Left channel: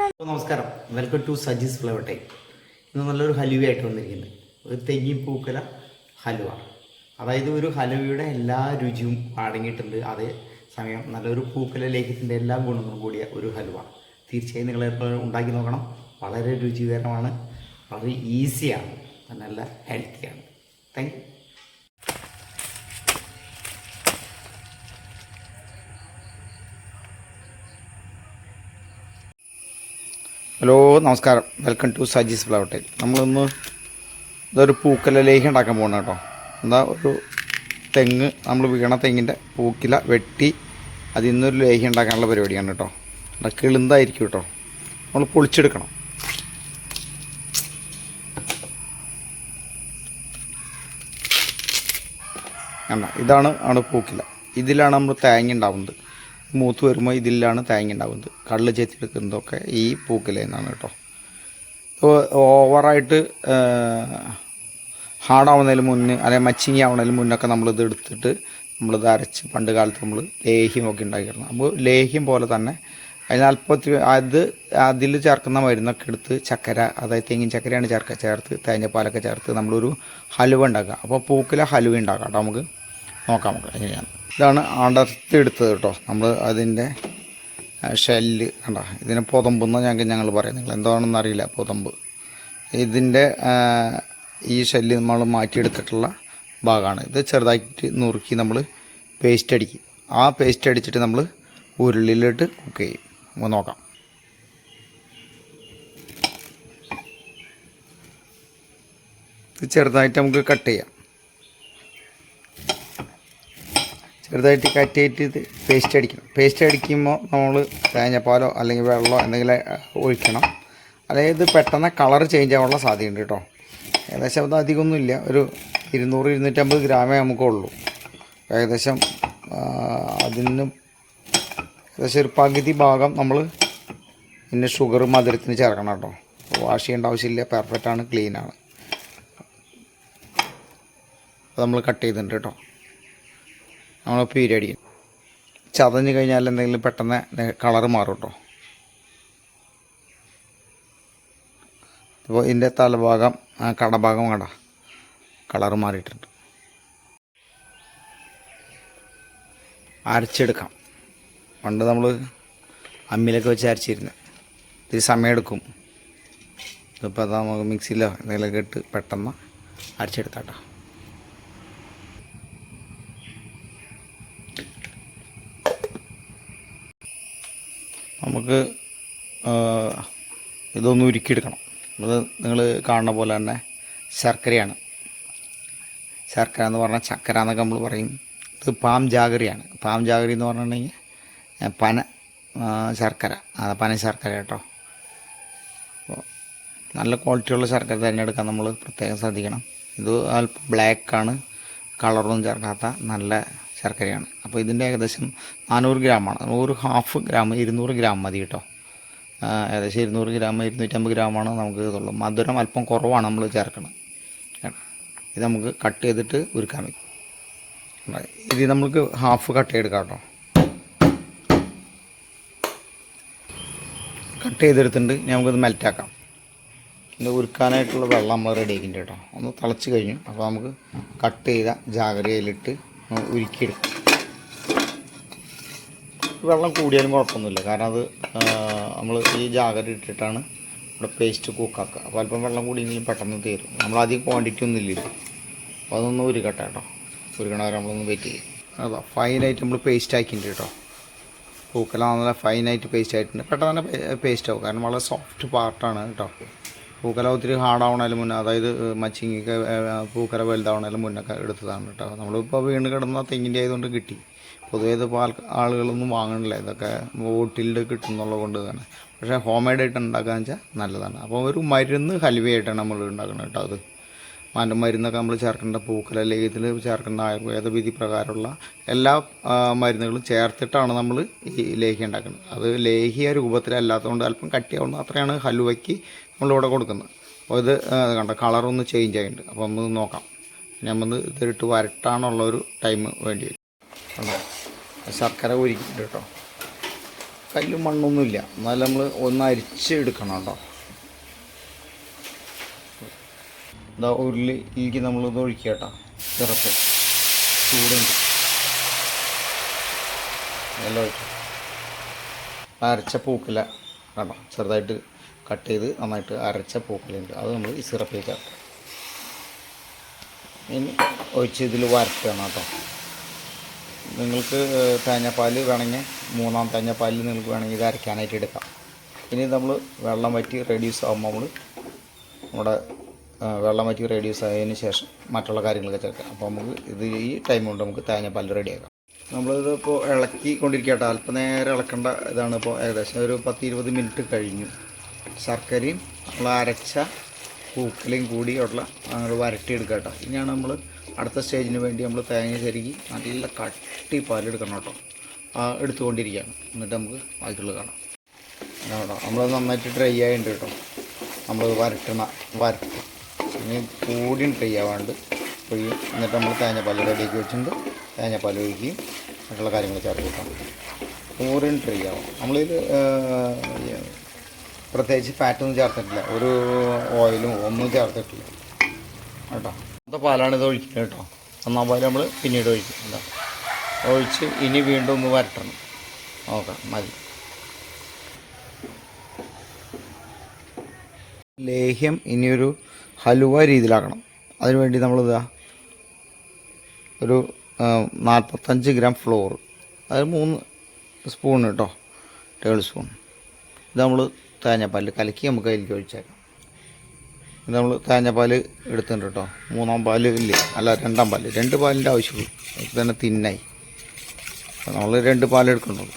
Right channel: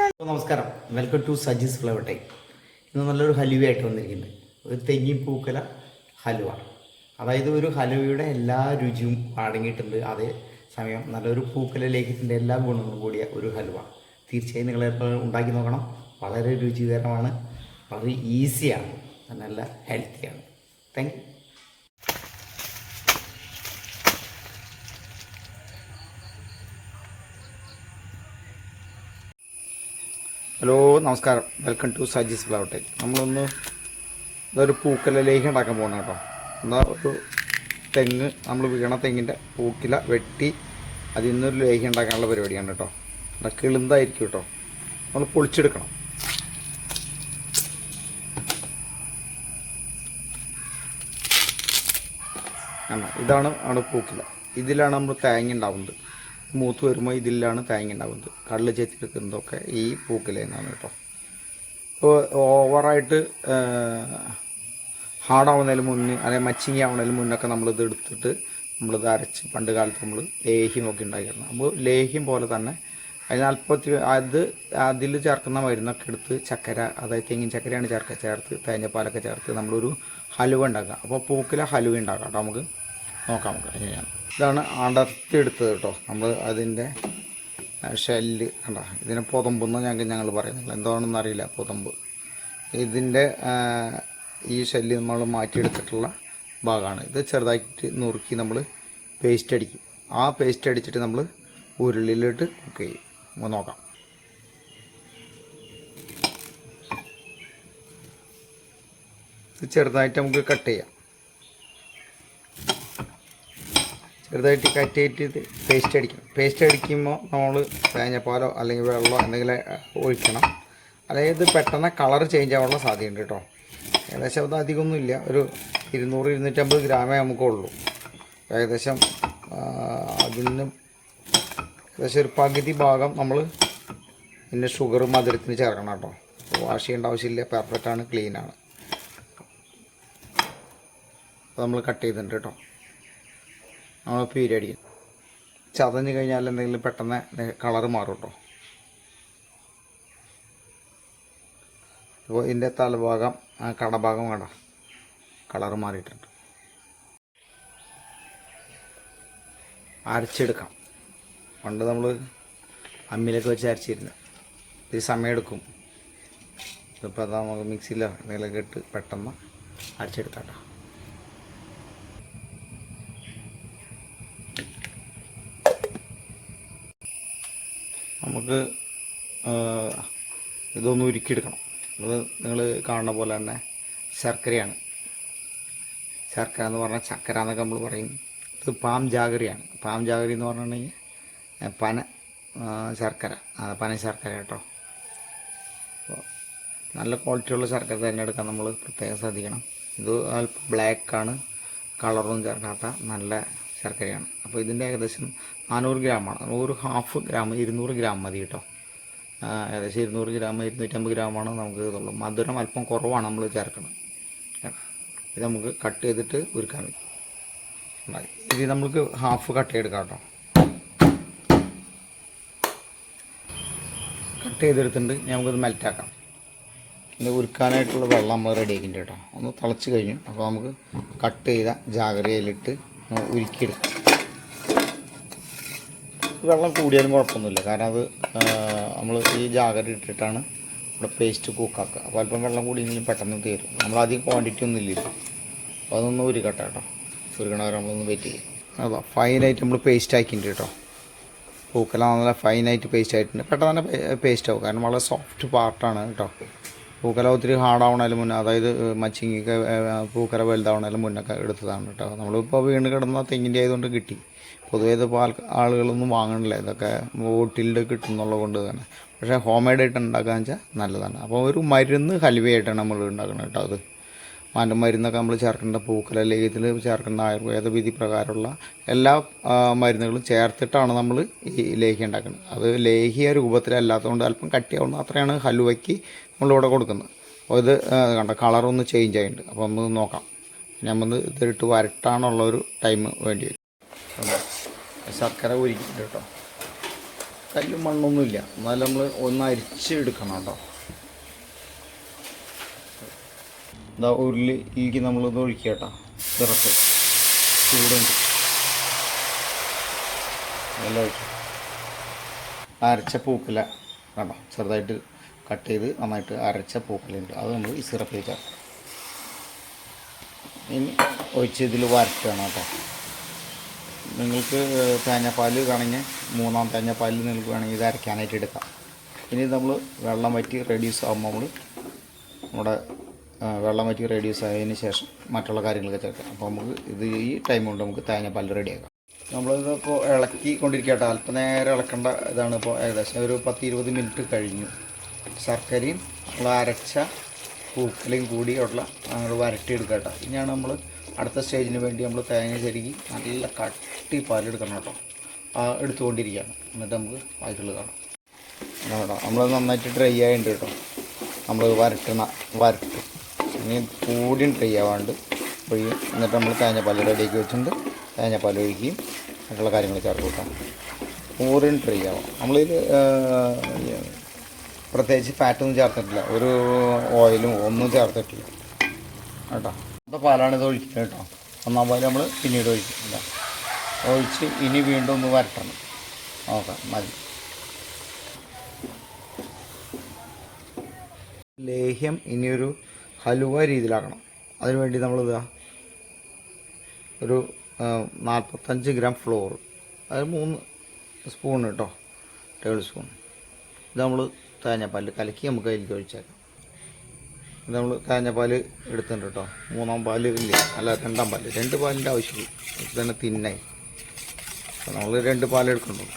നമസ്കാരം. Welcome to Saji's flower time ഇന്ന് നല്ലൊരു ഹലുവയായിട്ട് വന്നിരിക്കുന്നത് ഒരു തെങ്ങി പൂക്കല ഹലുവ. അതായത് ഒരു ഹലുവയുടെ എല്ലാ രുചിയും അടങ്ങിയിട്ടുണ്ട്. അതേ സമയം നല്ലൊരു പൂക്കല ലേഖത്തിന്റെ എല്ലാ ഗുണങ്ങളും കൂടിയ ഒരു ഹലുവ. തീർച്ചയായും നിങ്ങൾ ഉണ്ടാക്കി നോക്കണം. വളരെ രുചികരമാണ്. വളരെ ഈസിയാണ് നല്ല ഹെൽത്തിയാണ് താങ്ക് യു ഹലോ നമസ്കാരം. Welcome to Saji's flower time നമ്മളിന്ന് ഇതൊരു പൂക്കല ലേഹ്യം ഉണ്ടാക്കാൻ പോകണം കേട്ടോ. എന്താ ഒരു തെങ്ങ് നമ്മൾ വീണ തെങ്ങിന്റെ പൂക്കില വെട്ടി അതിൽ നിന്നൊരു ലേഹ്യം ഉണ്ടാക്കാനുള്ള പരിപാടിയാണ് കേട്ടോ. എന്നാൽ കിളിന്തായിരിക്കും കേട്ടോ. നമ്മൾ പൊളിച്ചെടുക്കണം. ഇതാണ് ആണ് പൂക്കില. ഇതിലാണ് നമ്മൾ തേങ്ങ ഉണ്ടാവുന്നത്. മൂത്ത് വരുമ്പോൾ ഇതിലാണ് തേങ്ങ ഉണ്ടാവുന്നത്. കള്ള് ചെത്തിയെടുക്കുന്നതൊക്കെ ഈ പൂക്കിലേന്നാണ് നിന്നാണ് കേട്ടോ. ഓവറായിട്ട് ഹാർഡാവുന്നതിന് മുന്നേ അല്ലെങ്കിൽ മച്ചിങ്ങി ആവുന്നതിന് മുന്നൊക്കെ നമ്മളിത് എടുത്തിട്ട് നമ്മളിത് അരച്ച് പണ്ട് കാലത്ത് നമ്മൾ ലേഹ്യമൊക്കെ ഉണ്ടാക്കിയിരുന്നു. അപ്പോൾ ലേഹ്യം പോലെ തന്നെ അതിന് അല്പത്തി അത് അതിൽ ചേർക്കുന്ന മരുന്നൊക്കെ എടുത്ത് ചക്കര അതായത് തെങ്ങിൻ ചക്കരയാണ് ചേർക്കുക ചേർത്ത് തേങ്ങപ്പാലൊക്കെ ചേർത്ത് നമ്മളൊരു ഹലുവ ഉണ്ടാക്കുക. അപ്പോൾ പൂക്കിലെ ഹലുവ ഉണ്ടാക്കാം കേട്ടോ നമുക്ക്. നോക്കാം നമുക്ക്. എങ്ങനെയാണ് ഇതാണ് അടർത്തിയെടുത്തത് കേട്ടോ. നമ്മൾ അതിന്റെ ഷെല്ല് കണ്ട? ഇതിനെ പുതമ്പെന്ന് ഞങ്ങൾക്ക് ഞങ്ങൾ പറയാം. നിങ്ങൾ എന്താണെന്ന് അറിയില്ല പുതമ്പ്. ഇതിന്റെ ഈ ഷെല്ല് നമ്മൾ മാറ്റിയെടുത്തിട്ടുള്ള ഭാഗമാണ്. ഇത് ചെറുതായിട്ട് നുറുക്കി നമ്മൾ പേസ്റ്റ് അടിക്കും. ആ പേസ്റ്റ് അടിച്ചിട്ട് നമ്മൾ ഉരുളിയിലിട്ട് കുക്ക് ചെയ്യും. നമുക്ക് നോക്കാം. ഇത് ചെറുതായിട്ട് നമുക്ക് കട്ട് ചെയ്യാം. ചെറുതായിട്ട് കട്ട് പേസ്റ്റ് അടിക്കണം. പേസ്റ്റ് അടിക്കുമ്പോൾ നമ്മൾ തേങ്ങാപ്പാലോ അല്ലെങ്കിൽ വെള്ളമോ എന്തെങ്കിലും ഒഴിക്കണം. അല്ലെങ്കിൽ ഇത് പെട്ടെന്ന് കളർ ചേഞ്ച് ആവാനുള്ള സാധ്യതയുണ്ട് കേട്ടോ ഏകദേശം അത് അധികമൊന്നുമില്ല. ഒരു ഇരുന്നൂറ് ഇരുന്നൂറ്റമ്പത് ഗ്രാമേ നമുക്കുള്ളൂ ഏകദേശം അതിന് ഏകദേശം ഒരു പകുതി ഭാഗം നമ്മൾ പിന്നെ ഷുഗർ മധുരത്തിന് ചേർക്കണം കേട്ടോ വാഷ് ചെയ്യേണ്ട ആവശ്യമില്ല. പെർഫെക്റ്റാണ് ക്ലീനാണ് നമ്മൾ കട്ട് ചെയ്തിട്ടുണ്ട് കേട്ടോ നമ്മൾ പീരടി ചതഞ്ഞ് കഴിഞ്ഞാൽ എന്തെങ്കിലും പെട്ടെന്ന് കളറ് മാറും കേട്ടോ അപ്പോൾ ഇതിന്റെ തലഭാഗം കടഭാഗം കണ്ട. കളറ് മാറിയിട്ടുണ്ട്. അരച്ചെടുക്കാം. പണ്ട് നമ്മൾ അമ്മിലൊക്കെ വെച്ച് അരച്ചിരുന്നു. ഇത് സമയമെടുക്കും ഇപ്പോൾ അതാ നമുക്ക് മിക്സിയിലോ എന്തെങ്കിലുമൊക്കെ ഇട്ട് പെട്ടെന്ന് അരച്ചെടുത്താം കേട്ടോ നമുക്ക് ഇതൊന്ന് ഉരുക്കിയെടുക്കണം. അത് നിങ്ങൾ കാണുന്ന പോലെ തന്നെ ശർക്കരയാണ്. ശർക്കര എന്ന് പറഞ്ഞാൽ ചക്കര എന്നൊക്കെ നമ്മൾ പറയും. ഇത് പാം ജാഗരിയാണ്. പാം ജാഗരി എന്ന് പറഞ്ഞിട്ടുണ്ടെങ്കിൽ പന ശർക്കര പന ശർക്കര കേട്ടോ. നല്ല ക്വാളിറ്റിയുള്ള ശർക്കര തിരഞ്ഞെടുക്കാൻ നമ്മൾ പ്രത്യേകം ശ്രദ്ധിക്കണം. ഇത് അല്പം ബ്ലാക്കാണ് കളറൊന്നും ചേർക്കാത്ത നല്ല ശർക്കരയാണ്. അപ്പോൾ ഇതിന്റെ ഏകദേശം നാനൂറ് ഗ്രാമാണ്. ഒരു ഹാഫ് ഗ്രാം ഇരുന്നൂറ് ഗ്രാം മതി കേട്ടോ. ഏകദേശം ഇരുന്നൂറ് ഗ്രാം ഇരുന്നൂറ്റമ്പത് ഗ്രാമാണ് നമുക്ക് ഇതുള്ളൂ. മധുരം അല്പം കുറവാണ് നമ്മൾ ചേർക്കണം. ഇത് നമുക്ക് കട്ട് ചെയ്തിട്ട് ഉരുക്കാൻ വയ്ക്കും. ഇത് നമുക്ക് ഹാഫ് കട്ട് ചെയ്തെടുക്കാം കേട്ടോ. കട്ട് ചെയ്തെടുത്തിട്ട് നമുക്കിത് മെൽറ്റാക്കാം. ഇത് ഉരുക്കാനായിട്ടുള്ള വെള്ളം നമ്മൾ റെഡി ആക്കിയിട്ടുണ്ട് കേട്ടോ. ഒന്ന് തിളച്ച് കഴിഞ്ഞു. അപ്പോൾ നമുക്ക് കട്ട് ചെയ്ത ജാഗ്രതയിലിട്ട് ഉരുക്കിയെടുക്കാം വെള്ളം കൂടിയാലും കുഴപ്പമൊന്നുമില്ല. കാരണം അത് നമ്മൾ ഈ ജാഗ്രത ഇട്ടിട്ടാണ് നമ്മുടെ പേസ്റ്റ് കുക്കാക്കുക അപ്പോൾ അല്പം വെള്ളം കൂടിയെങ്കിലും പെട്ടെന്ന് നമ്മൾ അധികം ക്വാണ്ടിറ്റി ഒന്നും ഇല്ല അപ്പോൾ അതൊന്ന് ഉരുക്കട്ടെ കേട്ടോ. ഉരുക്കണ വരെ നമ്മളൊന്ന് വെയിറ്റ് ചെയ്യും. അതാ ഫൈനായിട്ട് നമ്മൾ പേസ്റ്റ് ആക്കിയിട്ടുണ്ട് കേട്ടോ. പൂക്കെല്ലാം നല്ല ഫൈനായിട്ട് പേസ്റ്റ് ആയിട്ടുണ്ട്. പെട്ടെന്ന് തന്നെ പേസ്റ്റ് ആവും. കാരണം വളരെ സോഫ്റ്റ് പാർട്ടാണ് കേട്ടോ. പൂക്കല ഒത്തിരി ഹാർഡാവണതിന് മുന്നേ അതായത് മച്ചിങ്ങിക്ക് പൂക്കല വലുതാവണതിന് മുന്നൊക്കെ എടുത്തതാണ് കേട്ടോ. നമ്മളിപ്പോൾ വീണ് കിടന്ന തെങ്ങിന്റെ ആയതുകൊണ്ട് കിട്ടി. പൊതുവേ ഇതിപ്പോൾ ആൾ ആളുകളൊന്നും വാങ്ങണില്ല. ഇതൊക്കെ ബോട്ടിലിൽ കിട്ടുന്നുള്ളത് കൊണ്ട് തന്നെ. പക്ഷേ ഹോം മെയ്ഡ് ആയിട്ട് ഉണ്ടാക്കാന്ന് വെച്ചാൽ നല്ലതാണ്. അപ്പോൾ ഒരു മരുന്ന് ഹൽവയായിട്ടാണ് നമ്മൾ ഉണ്ടാക്കുന്നത് കേട്ടോ അത്. മരുന്നൊക്കെ നമ്മൾ ചേർക്കേണ്ട പൂക്കല ലേഹ്യത്തിൽ ചേർക്കേണ്ട ആയുർവേദ വിധി പ്രകാരമുള്ള എല്ലാ മരുന്നുകളും ചേർത്തിട്ടാണ് നമ്മൾ ഈ ലേഹ്യം ഉണ്ടാക്കുന്നത്. അത് ലേഹ്യ രൂപത്തിലല്ലാത്തതുകൊണ്ട് അല്പം കട്ടിയാവുന്ന അത്രയാണ് ഹലുവയ്ക്ക് നമ്മളിവിടെ കൊടുക്കുന്നത്. അപ്പോൾ ഇത് കണ്ട കളറൊന്ന് ചേഞ്ച് ആയിട്ടുണ്ട്. അപ്പോൾ നമുക്ക് നോക്കാം. നമ്മൾ ഇതിട്ട് വരട്ടാനുള്ള ഒരു ടൈം വേണ്ടി വരും? ശർക്കര ഉരുക്കിയിട്ടുണ്ട് കേട്ടോ. കല്ലും മണ്ണൊന്നുമില്ല. എന്നാലും നമ്മൾ ഒന്ന് അരിച്ച് എടുക്കണം കേട്ടോ. ഇതാ ഉരുളിക്ക് നമ്മളിത് ഒഴിക്കുക കേട്ടോ ചിറപ്പ് ചൂടുണ്ട്. എല്ലാം അരച്ച പൂക്കല കണ്ടോ? ചെറുതായിട്ട് കട്ട് ചെയ്ത് നന്നായിട്ട് അരച്ച പൂക്കലുണ്ട് അത് നമ്മൾ ഈ സിറപ്പിലേക്ക് ഇനി ഒഴിച്ച് ഇതിൽ വരക്കണം കേട്ടോ. നിങ്ങൾക്ക് തേങ്ങാപ്പാൽ വേണമെങ്കിൽ മൂന്നാം തേങ്ങാപ്പാലിൽ നിങ്ങൾക്ക് വേണമെങ്കിൽ ഇത് അരയ്ക്കാനായിട്ട് എടുക്കാം. ഇനി നമ്മൾ വെള്ളം വറ്റി റെഡ്യൂസ് ആകുമ്പോൾ നമ്മൾ നമ്മുടെ വെള്ളം വറ്റി റെഡ്യൂസ് ആയതിന് ശേഷം മറ്റുള്ള കാര്യങ്ങളൊക്കെ ചേർക്കാം. അപ്പോൾ നമുക്ക് ഇത് ഈ ടൈം കൊണ്ട് നമുക്ക് തേങ്ങ തേങ്ങാപ്പാൽ റെഡിയാക്കാം നമ്മളിത് ഇപ്പോൾ ഇളക്കി കൊണ്ടിരിക്കട്ടെ അല്പം നേരം ഇളക്കേണ്ട ഇതാണ് ഇപ്പോൾ ഏകദേശം ഒരു പത്ത് ഇരുപത് മിനിറ്റ് കഴിഞ്ഞു. ശർക്കരയും നമ്മൾ അരച്ച പൂക്കലയും കൂടി ഉള്ള നമ്മൾ വരട്ടിയെടുക്കട്ടെ. ഇനിയാണ് നമ്മൾ അടുത്ത സ്റ്റേജിന് വേണ്ടി നമ്മൾ തേങ്ങ ചെരുകി നല്ല കട്ടി പാലെടുക്കണം കേട്ടോ. എടുത്തുകൊണ്ടിരിക്കുകയാണ്. എന്നിട്ട് നമുക്ക് ബാക്കിയുള്ളത് കാണാം. കേട്ടോ നമ്മൾ നന്നായിട്ട് ഡ്രൈ ആയിട്ടുണ്ട് കേട്ടോ. നമ്മൾ വരട്ടണ വരട്ടും ഇനി കൂടിയും ഡ്രൈ ആവാണ്ട് ഒഴിയും എന്നിട്ട് നമ്മൾ തേങ്ങാപ്പാൽ റെഡിയാക്കി വെച്ചിട്ടുണ്ട്. തേങ്ങാപ്പാൽ ഒഴിക്കുകയും മറ്റുള്ള കാര്യങ്ങൾ ചേർത്ത് കൂട്ടാം കൂടിയും ഡ്രൈ ആവാം. നമ്മളിത് പ്രത്യേകിച്ച് ഫാറ്റൊന്നും ചേർത്തിട്ടില്ല. ഒരു ഓയിലും ഒന്നും ചേർത്തിട്ടില്ല. കേട്ടോ? അപ്പോൾ പാലാണ് ഇത് ഒഴിക്കുക കേട്ടോ. ഒന്നാം പാൽ നമ്മൾ പിന്നീട് ഒഴിക്കുന്നില്ല ഒഴിച്ച് ഇനി വീണ്ടും ഒന്ന് വരട്ടണം. നോക്കാം മതി. ലേഹ്യം ഇനിയൊരു ഹലുവ രീതിയിലാക്കണം. അതിനുവേണ്ടി നമ്മളിതാ ഒരു നാൽപ്പത്തഞ്ച് ഗ്രാം ഫ്ലോർ. അത് മൂന്ന് സ്പൂൺ കേട്ടോ ടേബിൾ സ്പൂൺ. ഇത് നമ്മൾ തേങ്ങാപ്പാൽ കലക്കി നമുക്ക് അതിലേക്ക് ഒഴിച്ചേക്കാം. ഇത് നമ്മൾ തേങ്ങാപ്പാൽ എടുത്തിട്ടുണ്ട് കേട്ടോ മൂന്നാം പാൽ ഇല്ല? അല്ല രണ്ടാം പാൽ രണ്ട് പാലിന്റെ ആവശ്യമുള്ളൂ. ഇത് തന്നെ തിന്നായി. നമ്മൾ രണ്ട് പാൽ എടുക്കുന്നുള്ളൂ.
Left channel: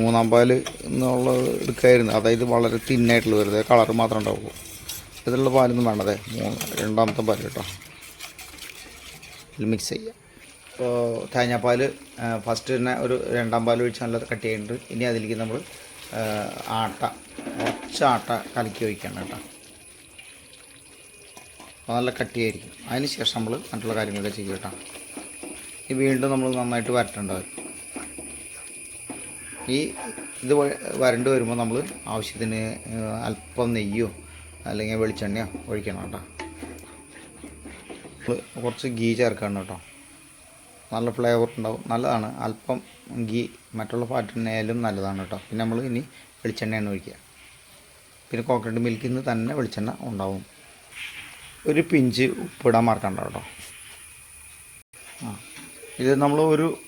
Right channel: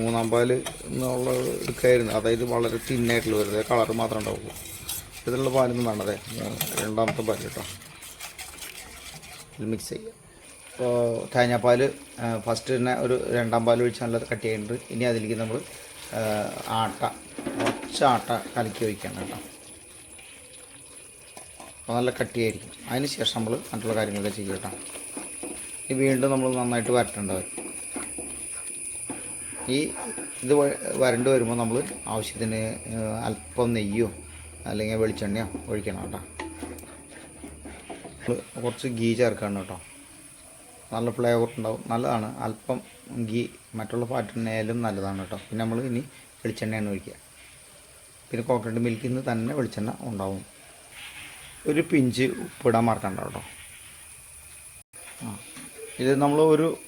മൂന്നാം പാൽ എന്നുള്ളത് എടുക്കായിരുന്നു. അതായത് വളരെ തിന്നായിട്ടുള്ള വെറുതെ കളർ മാത്രമേ ഉണ്ടാവുള്ളൂ. ഇതിലുള്ള പാലൊന്നും വേണ്ടതേ രണ്ടാമത്തെ പാൽ കേട്ടോ. മിക്സ് ചെയ്യുക ഇപ്പോൾ തേങ്ങാപ്പാൽ ഫസ്റ്റ് തന്നെ ഒരു രണ്ടാം പാൽ ഒഴിച്ച് നല്ല കട്ട് ചെയ്യുന്നുണ്ട് ഇനി അതിലേക്ക് നമ്മൾ ആട്ട കുറച്ച് ആട്ട കലക്കി ഒഴിക്കണം കേട്ടോ. നല്ല കട്ടിയായിരിക്കും അതിന് ശേഷം നമ്മൾ മറ്റുള്ള കാര്യങ്ങളൊക്കെ ചെയ്യും കേട്ടോ. ഈ വീണ്ടും നമ്മൾ നന്നായിട്ട് വരട്ടേണ്ടവരും ഈ ഇത് വരണ്ട് വരുമ്പോൾ നമ്മൾ ആവശ്യത്തിന് അല്പം നെയ്യോ അല്ലെങ്കിൽ വെളിച്ചെണ്ണയോ ഒഴിക്കണം കേട്ടോ. കുറച്ച് ഗീ ചേർക്കണം കേട്ടോ. നല്ല ഫ്ലേവർ ഉണ്ടാവും. നല്ലതാണ്. അല്പം ഗീ മറ്റുള്ള ഫാറ്റിനേലും നല്ലതാണ് കേട്ടോ. പിന്നെ നമ്മൾ ഇനി വെളിച്ചെണ്ണയാണ് ഒഴിക്കുക. പിന്നെ കോക്കനട്ട് മിൽക്കിൽ നിന്ന് തന്നെ വെളിച്ചെണ്ണ ഉണ്ടാവും. ഒരു പിഞ്ച് ഉപ്പിടാൻ മറക്കണ്ട കേട്ടോ. ആ. ഇത് നമ്മൾ ഒരു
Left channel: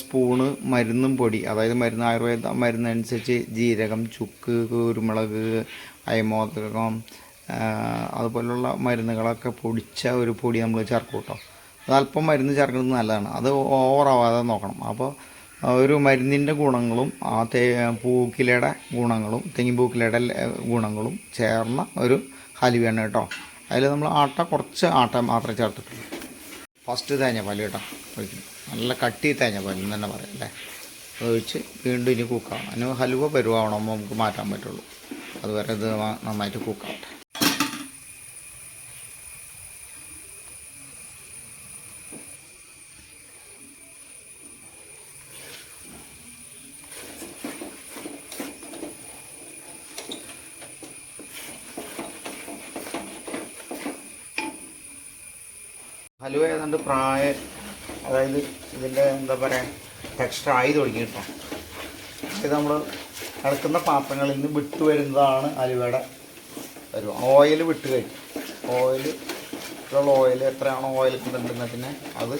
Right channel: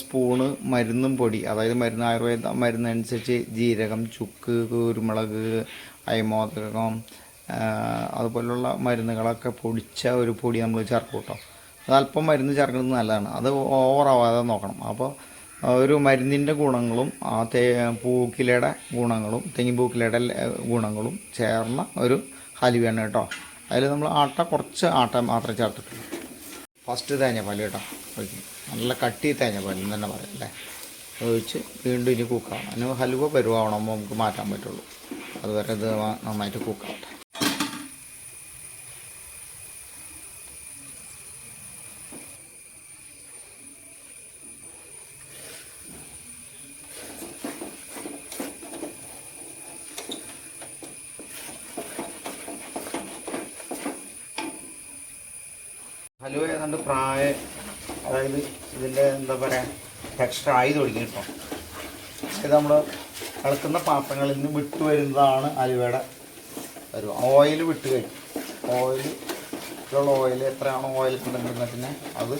സ്പൂണ് മരുന്നും പൊടി. അതായത് മരുന്ന് ആയുർവേദ മരുന്ന് അനുസരിച്ച് ജീരകം ചുക്ക് കുരുമുളക് അയമോദകം അതുപോലുള്ള മരുന്നുകളൊക്കെ പൊടിച്ച ഒരു പൊടി നമ്മൾ ചേർക്കും കേട്ടോ അത് അല്പം മരുന്ന് ചേർക്കുന്നത് നല്ലതാണ്. അത് ഓവറാവാതെ നോക്കണം. അപ്പോൾ ഒരു മരുന്നിന്റെ ഗുണങ്ങളും ആ തേ പൂക്കിലയുടെ ഗുണങ്ങളും തെങ്ങിൻ പൂക്കിലയുടെ ഗുണങ്ങളും ചേർന്ന ഒരു ഹലുവയാണ് കേട്ടോ അതിൽ നമ്മൾ ആട്ട കുറച്ച് ആട്ട മാത്രമേ ചേർത്തിട്ടുള്ളൂ. ഫസ്റ്റ് തേങ്ങാപ്പാൽ കേട്ടോ ഒഴിക്കും നല്ല കട്ടി തേങ്ങ എന്ന് തന്നെ പറയാം അല്ലേ? ഒഴിച്ച് വീണ്ടും ഇനി കുക്കാം. അതിന് ഹലുവ പരുവാവണമെമ്പോൾ നമുക്ക് മാറ്റാൻ പറ്റുള്ളൂ. അതുവരെ ഇത് നന്നാ- നന്നായിട്ട് കുക്കാവട്ടെ ഹലുവ ഏതാണ്ട് പ്രായം അതായത് ഇതിന്റെ എന്താ പറയുക ടെക്സ്റ്റർ ആയി തുടങ്ങി കിട്ടാം. ഇത് നമ്മൾ അളക്കുന്ന പാത്രങ്ങളിൽ നിന്ന് വിട്ട് വരുന്നതാണ് അലുവയുടെ ഒരു ഓയിൽ വിട്ട് കഴിഞ്ഞു. ഓയിൽ ഓയിൽ എത്രയാണോ ഓയിൽ കണ്ടെത്തുന്നതിന് അത്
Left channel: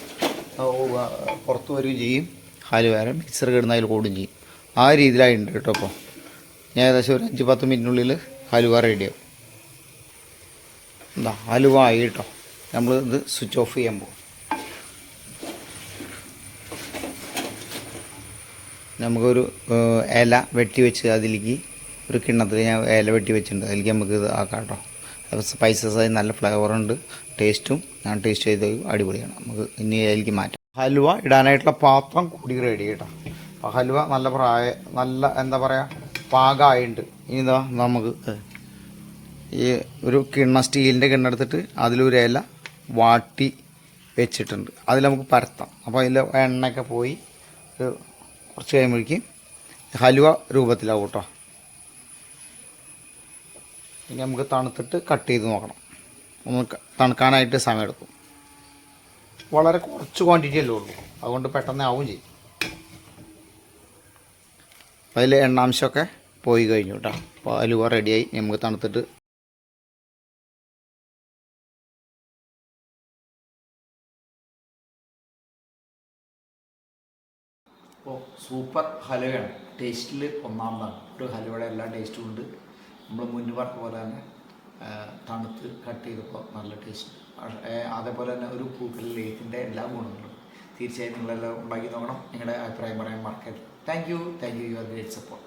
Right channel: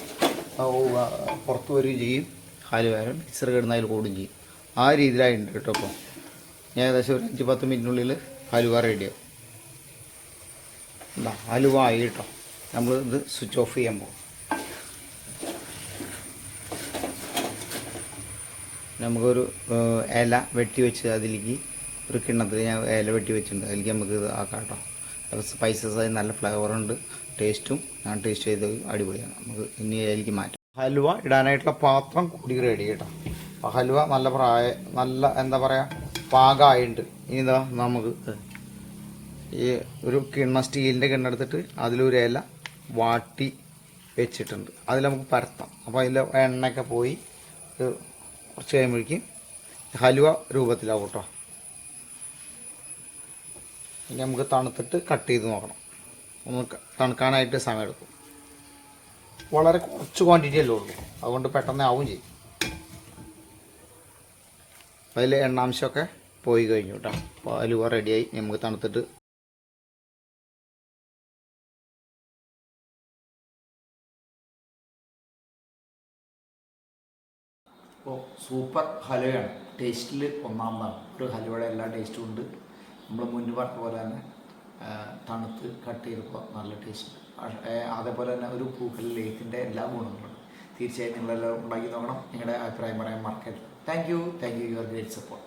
പുറത്തു വരികയും ചെയ്യും. അലുവേറെ മിക്സർ കിടന്ന് അതിൽ കൂടുകയും ചെയ്യും. ആ രീതിയിലായിട്ടുണ്ട് കേട്ടോ അപ്പോൾ ഞാൻ ഏകദേശം ഒരു അഞ്ച് പത്ത് മിനിറ്റിനുള്ളിൽ ഹലുവ റെഡിയാവും എന്താ ഹലുവ ആയി കേട്ടോ. നമ്മൾ ഇത് സ്വിച്ച് ഓഫ് ചെയ്യാൻ പോകും നമുക്കൊരു ഇല വെട്ടി വെച്ച് അതിലേക്ക് ഒരു കിണ്ണത്തിൽ ഞാൻ ഇല വെട്ടി വെച്ചിട്ടുണ്ട്. അതിലേക്ക് നമുക്ക് ഇത് ആക്കാം കേട്ടോ സ്പൈസസ് ആയി നല്ല ഫ്ലേവറുണ്ട് ടേസ്റ്റും ഞാൻ ടേസ്റ്റ് ചെയ്ത് അടിപൊളിയാണ്. നമുക്ക് ഇനി അതിലേക്ക് മാറ്റാം. ഹലുവ ഇടാനായിട്ടുള്ള പാത്രം കൂടി റെഡി കേട്ടോ അപ്പോൾ ഹലുവ നല്ല പ്രായ നല്ല എന്താ പറയുക പാകമായിട്ടുണ്ട് ഇനി ഇതാ നമുക്ക് ഈ ഒരു കിണ്ണ സ്റ്റീലിന്റെ കിണ്ണ എടുത്തിട്ട് അതിലൊരു ഇല വാട്ടി വെച്ചിട്ടുണ്ട്. അതിൽ നമുക്ക് പരത്താം. അപ്പോൾ അതിൽ എണ്ണയൊക്കെ പോയി ഒരു കുറച്ച് കഴിയുമ്പോഴേക്കും ഹലുവ രൂപത്തിലാവും കേട്ടോ. ഇനി നമുക്ക് തണുത്തിട്ട് കട്ട് ചെയ്ത് നോക്കണം. ഒന്ന് തണുക്കാനായിട്ട് സമയമെടുക്കും വളരെ കുറച്ച് ക്വാണ്ടിറ്റി അല്ലേ ഉള്ളൂ. അതുകൊണ്ട് പെട്ടെന്ന് ആവും ചെയ്യും. അതിൽ എണ്ണാംശമൊക്കെ പോയി കഴിഞ്ഞു കേട്ടോ. അപ്പോൾ ഹലുവ റെഡിയായി നമുക്ക് തണുത്തിട്ട് അപ്പോൾ സൂപ്പർ ഹലുവയാണ് ടേസ്റ്റിൽ ഒന്നാമതാണ്. ഒരു ഹലുവയുടെ എല്ലാ ടേസ്റ്റും ഉണ്ട്. നമ്മൾ മുന്നേ പറഞ്ഞ പോലെ തന്നെ തണുത്ത് കട്ട് ചെയ്തപ്പോൾ നല്ല ടേസ്റ്റ് അതേപോലെ തന്നെ ഒരു പൂക്കൽ ലേക്കിന്റെ എല്ലാ ഗുണങ്ങളും. തീർച്ചയായും നിങ്ങളെല്ലാം ഉണ്ടാക്കി നോക്കണം. നിങ്ങളുടെ അഭിപ്രായം പറയാൻ മറക്കരുത്. Thank you thank you your great support